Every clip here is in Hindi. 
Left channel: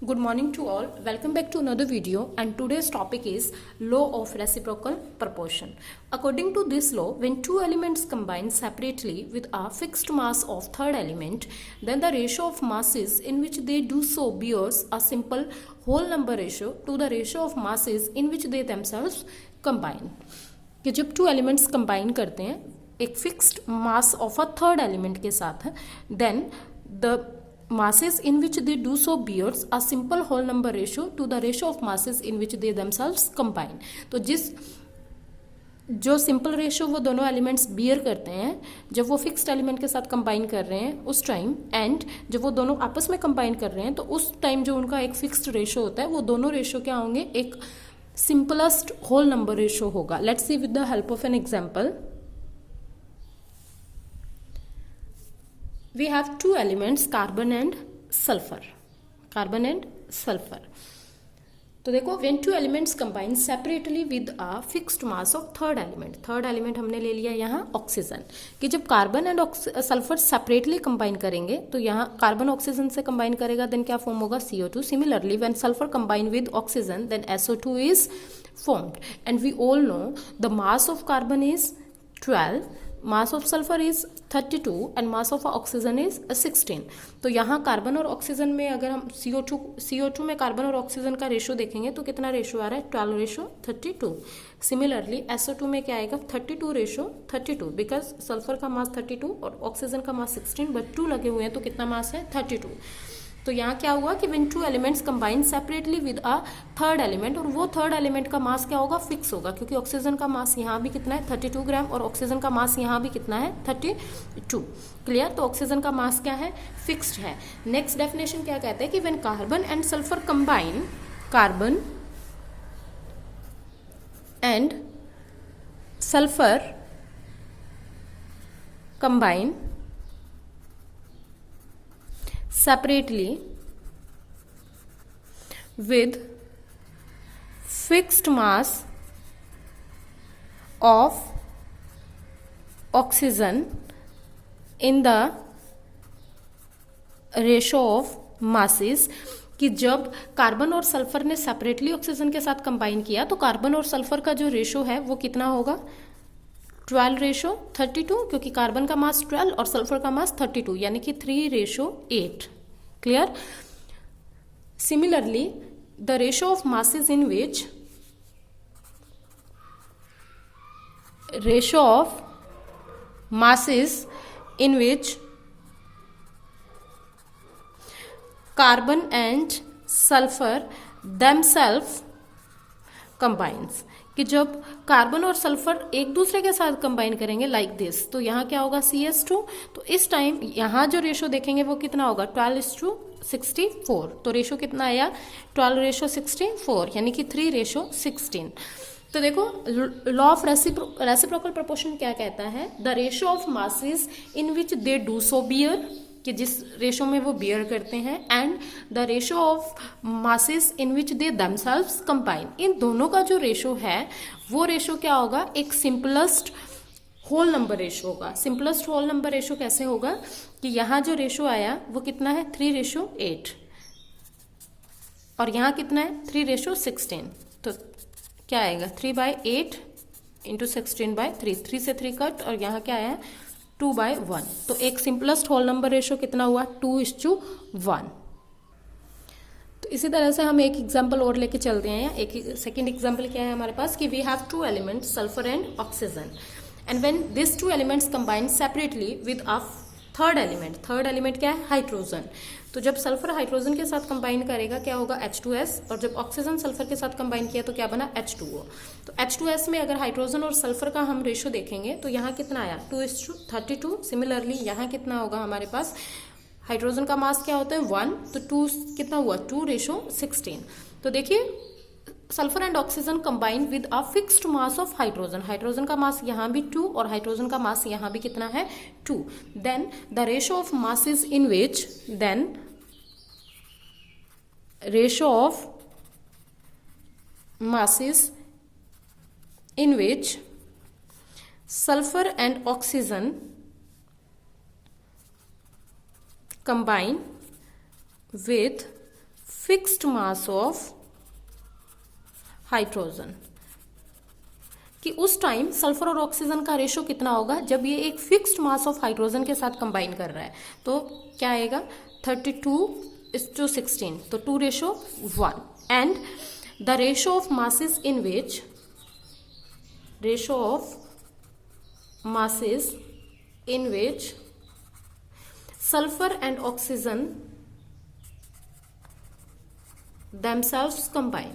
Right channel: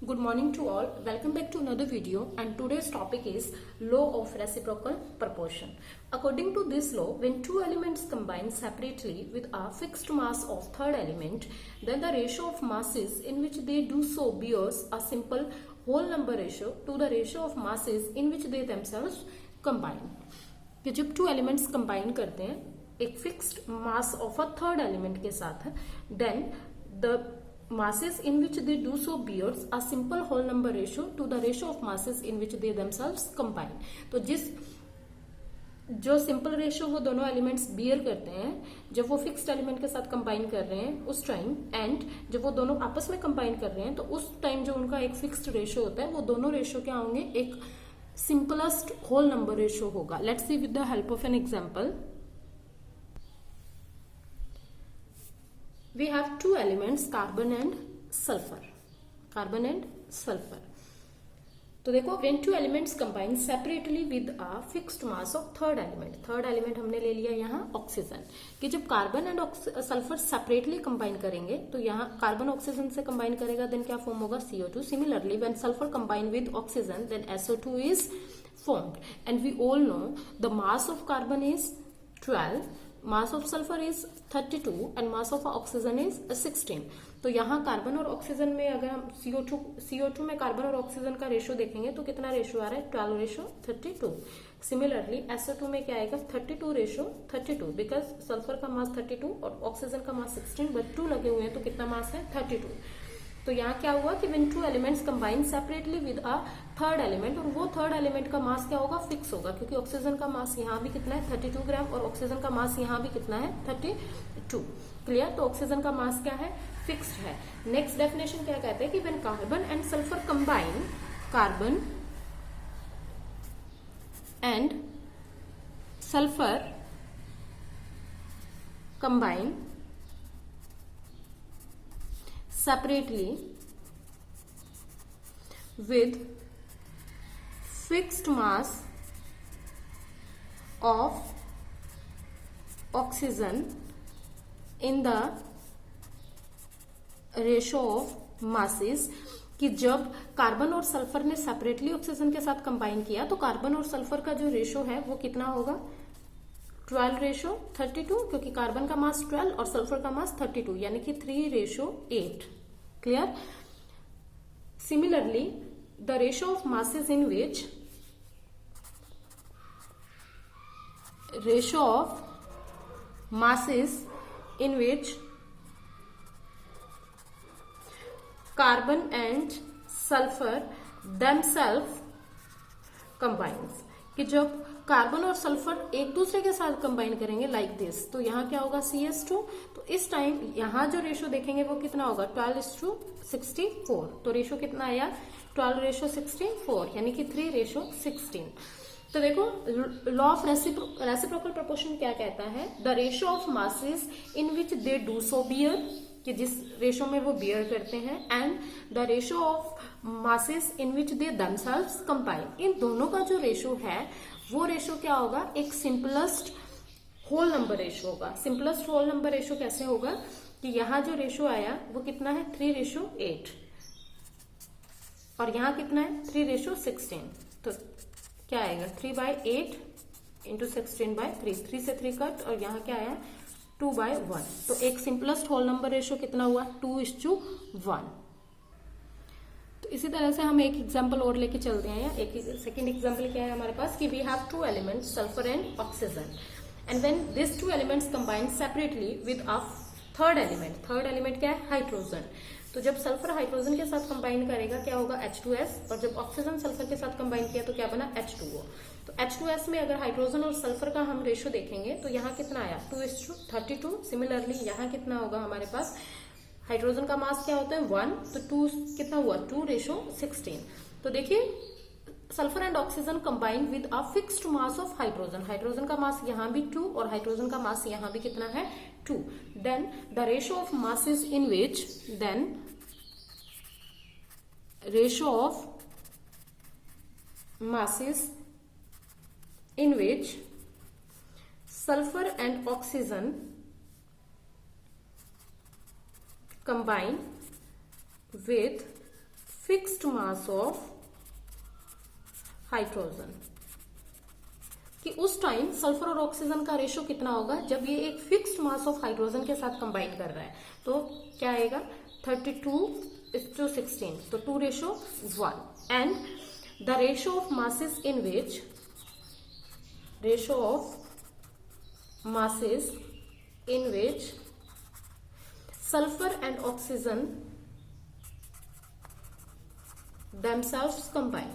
Good morning to all. Welcome back to another video, and today's topic is law of reciprocal proportion. According to this law, when two elements combine separately with a fixed mass of third element, then the ratio of masses in which they do so bears a simple whole number ratio to the ratio of masses in which they themselves combine. कि जब टू एलिमेंट्स कंबाइन करते हैं एक fixed mass of a third element के साथ, then the masses in which they do so bears a simple whole number ratio to the ratio of masses in which they themselves combine. तो जो सिंपल रेशियो वो दोनों एलिमेंट्स बियर करते हैं जब वो फिक्स्ड एलिमेंट के साथ कंबाइन कर रहे हैं उस टाइम, एंड जब वो दोनों आपस में कंबाइन कर रहे हैं तो उस टाइम जो उनका एक फिक्स्ड रेशियो होता है वो दोनों रेशियो क्या होंगे, एक सिंपलेस्ट होल नंबर रेशियो होगा. Let's see with the help of an example. We have two elements, carbon and sulphur. Carbon and sulphur. तो देखो, when two elements combine separately with a fixed mass of third element. Third element हमने ले लिया यहाँ ऑक्सीजन. कि जब carbon and sulphur separately combine करेंगे तो यहाँ कार्बन ऑक्सीजन से कंबाइन करेगा, देन क्या फॉर्म होगा, CO2. Similarly when sulphur combine with oxygen then SO2 is formed. And we all know the mass of carbon is 12, mass of sulphur is 32 and mass of oxygen is 16. तो यहाँ कार्बन और ऑक्सीजन में अगर हम CO2 में कार्बन और ऑक्सीजन का रेशो देखेंगे तो कितना रेशो आ रहा है, 12:32. सिमिलरली SO2 में क्या आएगा, 32:32, बिकॉज सल्फर का मास 32 और ऑक्सीजन का मास 16, बट 2 लगे हुए हैं तो कितना मास है, 32. तो यहाँ क्या हुआ कि when to elements combine separately with a third element, और वो थर्ड एलिमेंट का मास क्या होगा, फिक्स होगा, क्योंकि ऑक्सीजन का मास यहाँ भी कितना है, 32 ग्राम, और ऑक्सीजन का मास यहाँ भी कितना है, 32. क्लियर. तो ऑक्सीजन का मास क्या है, फिक्स्ड है. नेक्स्ट डेफिनेशन क्या कहता है कि when carbon and sulphur combine, carbon and sulphur combine separately with fixed mass of oxygen in the ratio of masses. कि जब कार्बन और सल्फर ने सेपरेटली ऑक्सीजन के साथ कंबाइन किया तो कार्बन और सल्फर का जो रेशो है वो कितना होगा, 12:32, क्योंकि कार्बन का मास 12 और सल्फर का मास 32, यानी कि 3:8. Clear. Similarly the ratio of masses in which carbon and sulphur themselves combines. कि जब कार्बन और सल्फर एक दूसरे के साथ कंबाइन करेंगे लाइक दिस, तो यहाँ क्या होगा, CS2. तो इस टाइम यहाँ जो रेशो देखेंगे वो कितना होगा, 12:64. तो रेशो कितना आया, 12:64, यानी कि 3:16. तो देखो, लॉ ऑफ रेसिप्रोकल प्रोपोर्शन क्या कहता है, the ratio of masses in which they do so bear, कि जिस रेशो में वो बियर करते हैं, and the ratio of masses in which they themselves combine. इन दोनों का जो रेशो है वो रेशो क्या होगा, एक सिंपलेस्ट होल नंबर रेशो होगा. सिंपलेस्ट होल नंबर रेशो कैसे होगा कि यहाँ जो रेशो आया वो कितना है, 3:8, और यहाँ कितना है, 3:16. तो क्या आएगा, 3/8 इंटू 16/3, 3 से 3 कट, और यहाँ क्या आया, 2/1. तो एक सिंपलेस्ट होल नंबर रेशो कितना हुआ, 2:1. तो इसी तरह से हम एक एग्जांपल और लेके चलते हैं. एक सेकंड एग्जांपल क्या है हमारे पास कि we have two elements, sulphur and oxygen, and when this two elements combine separately with a third element क्या है, हाइड्रोजन. तो जब सल्फर हाइड्रोजन के साथ कंबाइन करेगा क्या होगा, H2S, और जब ऑक्सीजन सल्फर के साथ कंबाइन किया तो क्या बना, H2O. तो H2S में अगर हाइड्रोजन और सल्फर का हम रेशो देखेंगे तो यहाँ कितना आया, 2:32. सिमिलरली यहाँ कितना होगा हमारे पास, हाइड्रोजन का मास क्या होता है, 1, तो 2 कितना हुआ, 2:16. तो देखिए, sulphur and oxygen combine with a fixed mass of hydrogen. Hydrogen का मास यहाँ भी 2 और हाइड्रोजन का मास यहाँ भी कितना है, 2. Then the ratio of masses in which, ratio of masses in which sulfur and oxygen combine with fixed mass of hydrogen, कि उस टाइम सल्फर और ऑक्सीजन का रेशो कितना होगा जब ये एक फिक्स्ड मास ऑफ हाइड्रोजन के साथ कंबाइन कर रहा है। तो क्या आएगा 32:16, तो 2:1। And the ratio of masses in which, ratio of masses in which sulphur and oxygen themselves combine,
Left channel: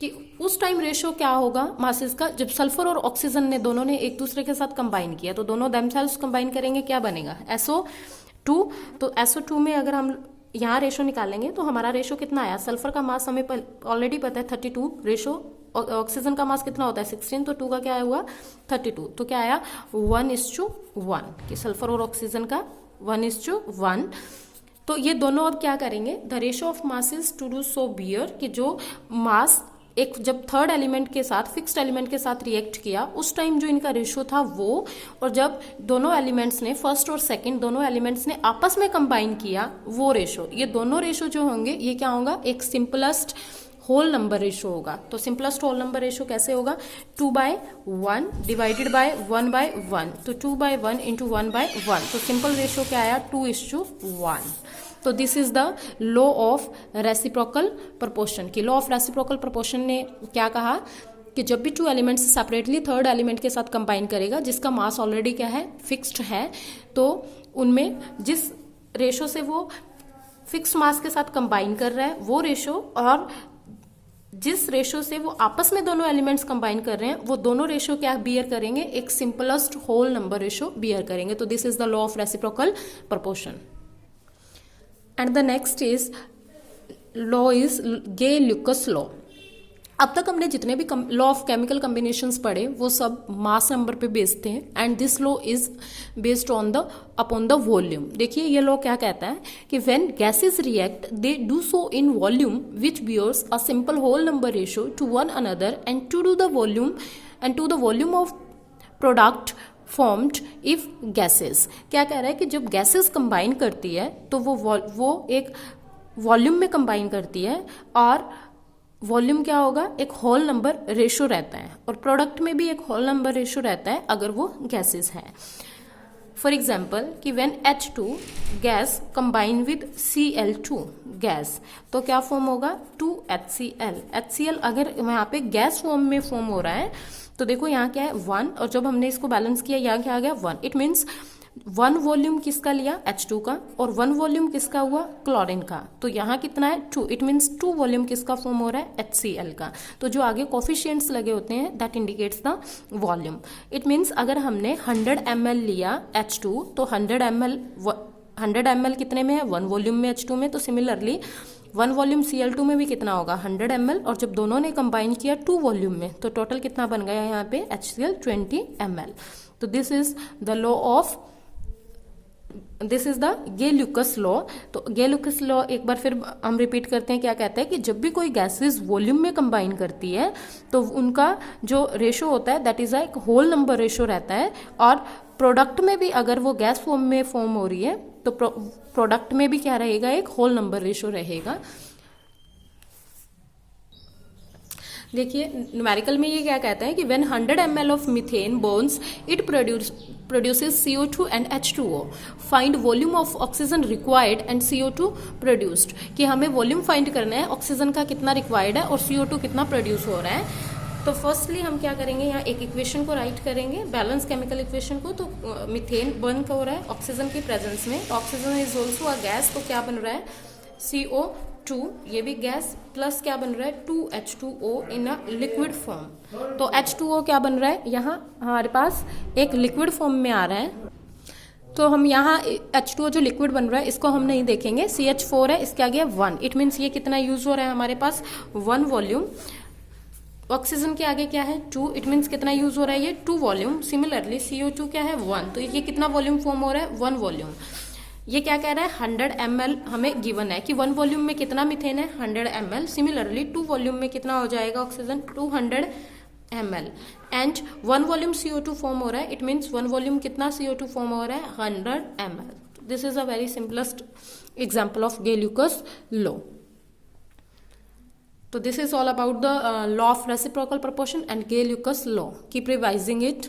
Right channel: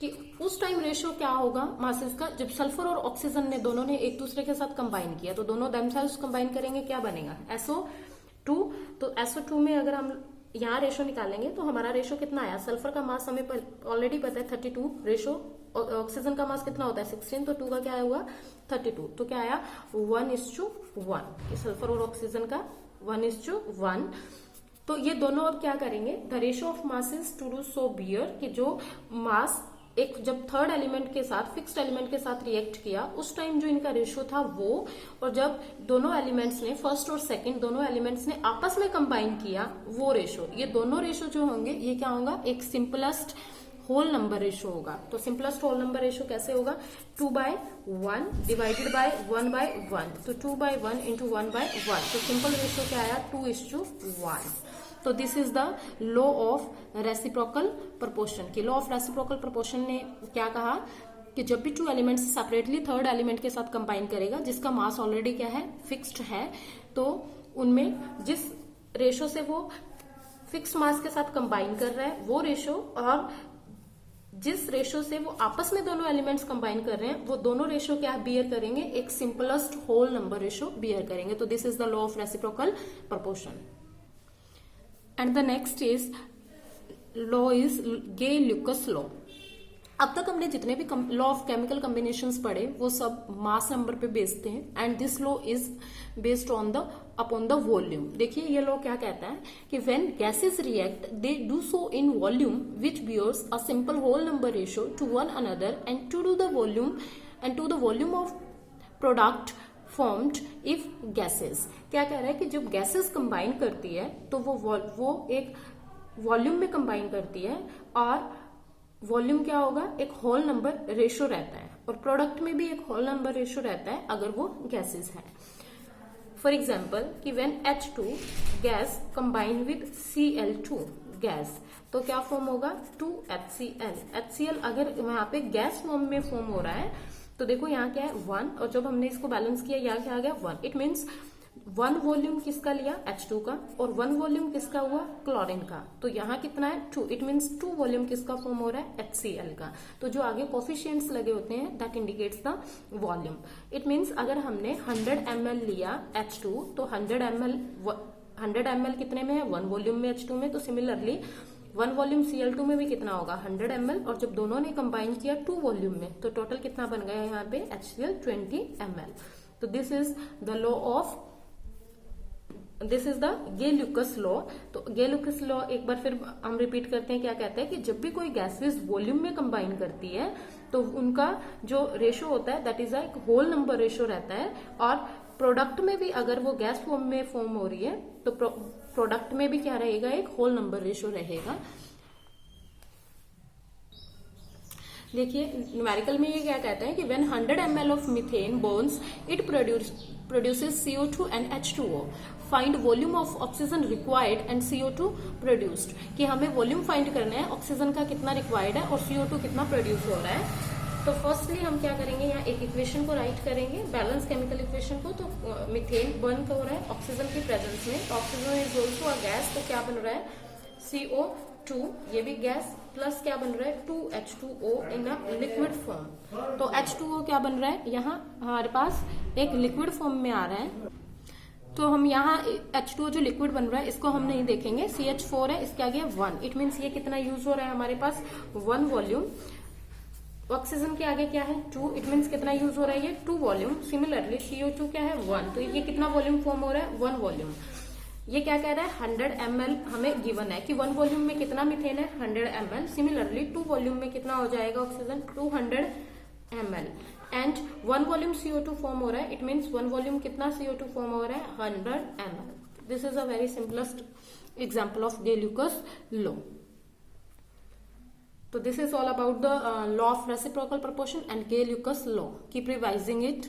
कि उस टाइम रेशो क्या होगा मासेस का जब सल्फर और ऑक्सीजन ने दोनों ने एक दूसरे के साथ कंबाइन किया, तो दोनों themselves कंबाइन करेंगे, क्या बनेगा SO2। तो SO2 में अगर हम यहाँ रेशो निकालेंगे तो हमारा रेशो कितना आया, सल्फर का मास हमें ऑलरेडी पता है 32 रेशो, ऑक्सीजन का मास कितना होता है 16, तो 2 का क्या हुआ 32, तो क्या आया 1:1, कि सल्फर और ऑक्सीजन का 1:1। तो ये दोनों अब क्या करेंगे, the ratio of masses to do so bear, कि जो मास एक जब थर्ड एलिमेंट के साथ फिक्स्ड एलिमेंट के साथ रिएक्ट किया उस टाइम जो इनका रेशो था वो, और जब दोनों एलिमेंट्स ने फर्स्ट और सेकंड दोनों एलिमेंट्स ने आपस में कंबाइन किया वो रेशो, ये दोनों रेशो जो होंगे ये क्या होगा, एक सिंपलेस्ट होल नंबर रेशो होगा। तो सिंपलेस्ट होल नंबर रेशो कैसे होगा, 2/1 डिवाइडेड बाय 1/1, तो 2/1 इंटू 1/1, तो सिंपल रेशो क्या आया 2:1। तो this is the law of reciprocal proportion, कि लॉ ऑफ रेसिप्रोकल प्रोपोर्शन ने क्या कहा कि जब भी two elements separately third element के साथ कंबाइन करेगा जिसका मास ऑलरेडी क्या है फिक्स्ड है, तो उनमें जिस रेशो से वो फिक्स्ड मास के साथ कंबाइन कर रहा है वो रेशो, और जिस रेशो से वो आपस में दोनों एलिमेंट्स कंबाइन कर रहे हैं वो दोनों रेशो क्या बियर करेंगे, एक simplest whole number ratio bear करेंगे। तो this is the law of reciprocal proportion. And the next is law is Gay Lussac law. अब तक हमने जितने भी लॉ ऑफ केमिकल कॉम्बिनेशंस पढ़े वो सब मास नंबर पे बेस्ड थे, and this law is based on the upon the volume. देखिए ये लॉ क्या कहता है कि when gases react they do so in volume which bears a simple whole number ratio to one another and to the volume of product formed if gases. क्या कह रहा है कि जब गैसेस कंबाइन करती है तो वो एक वॉल्यूम में कंबाइन करती है, और वॉल्यूम क्या होगा, एक होल नंबर रेशो रहता है, और प्रोडक्ट में भी एक होल नंबर रेशो रहता है अगर वो गैसेस है। फॉर एग्जाम्पल कि when H2 gas combine with Cl2 gas, तो क्या फॉर्म होगा 2HCl। HCl अगर यहाँ पे गैस फॉर्म में फॉर्म हो रहा है तो देखो यहाँ क्या है 1, और जब हमने इसको बैलेंस किया यहाँ क्या आ गया 1। इट मीन्स 1 वॉल्यूम किसका लिया H2 का, और 1 वॉल्यूम किसका हुआ क्लोरीन का, तो यहाँ कितना है 2। इट मीन्स 2 वॉल्यूम किसका फॉर्म हो रहा है HCl का। तो जो आगे कोफिशिएंट्स लगे होते हैं that indicates the volume. It means अगर हमने 100 ml लिया H2 तो 100 ml कितने में है 1 वॉल्यूम में H2 में, तो सिमिलरली 1 वॉल्यूम Cl2 में भी कितना होगा 100 ml, और जब दोनों ने कंबाइन किया 2 वॉल्यूम में तो टोटल कितना बन गया यहाँ पे HCl 20 ml। तो this is the law of this is the Gay Lussac law. तो गे-ल्यूकस लॉ एक बार फिर हम रिपीट करते हैं, क्या कहता है कि जब भी कोई गैसेस वॉल्यूम में कंबाइन करती है तो उनका जो रेशो होता है दैट इज एक होल नंबर रेशो रहता है, और प्रोडक्ट में भी अगर वो गैस फॉर्म में फॉर्म हो रही है तो प्रोडक्ट में भी क्या रहेगा, एक होल नंबर रेशो रहेगा। देखिए न्यूमेरिकल में ये क्या कहता है कि when 100 ml of methane Burns it produces CO2 and H2O. Find volume of oxygen required and CO2 produced, कि हमें वॉल्यूम फाइंड करना है ऑक्सीजन का कितना रिक्वायर्ड है और CO2 कितना प्रोड्यूस हो रहा है। तो फर्स्टली हम क्या करेंगे, यहाँ एक इक्वेशन को राइट करेंगे, बैलेंस केमिकल इक्वेशन को। तो मीथेन बर्न हो रहा है ऑक्सीजन की प्रेजेंस में, oxygen is also a gas, तो क्या बन रहा है CO2, ये भी गैस, प्लस क्या बन रहा है 2H2O in a liquid form. तो H2O क्या बन रहा है, यहाँ हमारे पास एक लिक्विड फॉर्म में आ रहा है, तो हम यहाँ H2O जो लिक्विड बन रहा है इसको हम नहीं देखेंगे, CH4 है, इसके आगे 1। इट मीन्स ये कितना यूज हो रहा है हमारे पास 1 वॉल्यूम। ऑक्सीजन के आगे क्या है 2, इट मीन्स कितना यूज हो रहा है ये 2 वॉल्यूम। सिमिलरली CO2 क्या है 1, तो ये कितना वॉल्यूम फॉर्म हो रहा है 1 वॉल्यूम। ये क्या कह रहा है 100 ml हमें गिवन है कि 1 वॉल्यूम में कितना मीथेन है 100 ml। सिमिलरली 2 वॉल्यूम में कितना हो जाएगा oxygen 200 ml, and 1 volume CO2 form हो रहा है, इट मीन्स 1 वॉल्यूम कितना CO2 फॉर्म हो रहा है 100 ml। This is a very simplest example of Gay Lussac law. तो this is all about the law of reciprocal proportion and Gay Lussac law. Keep revising it.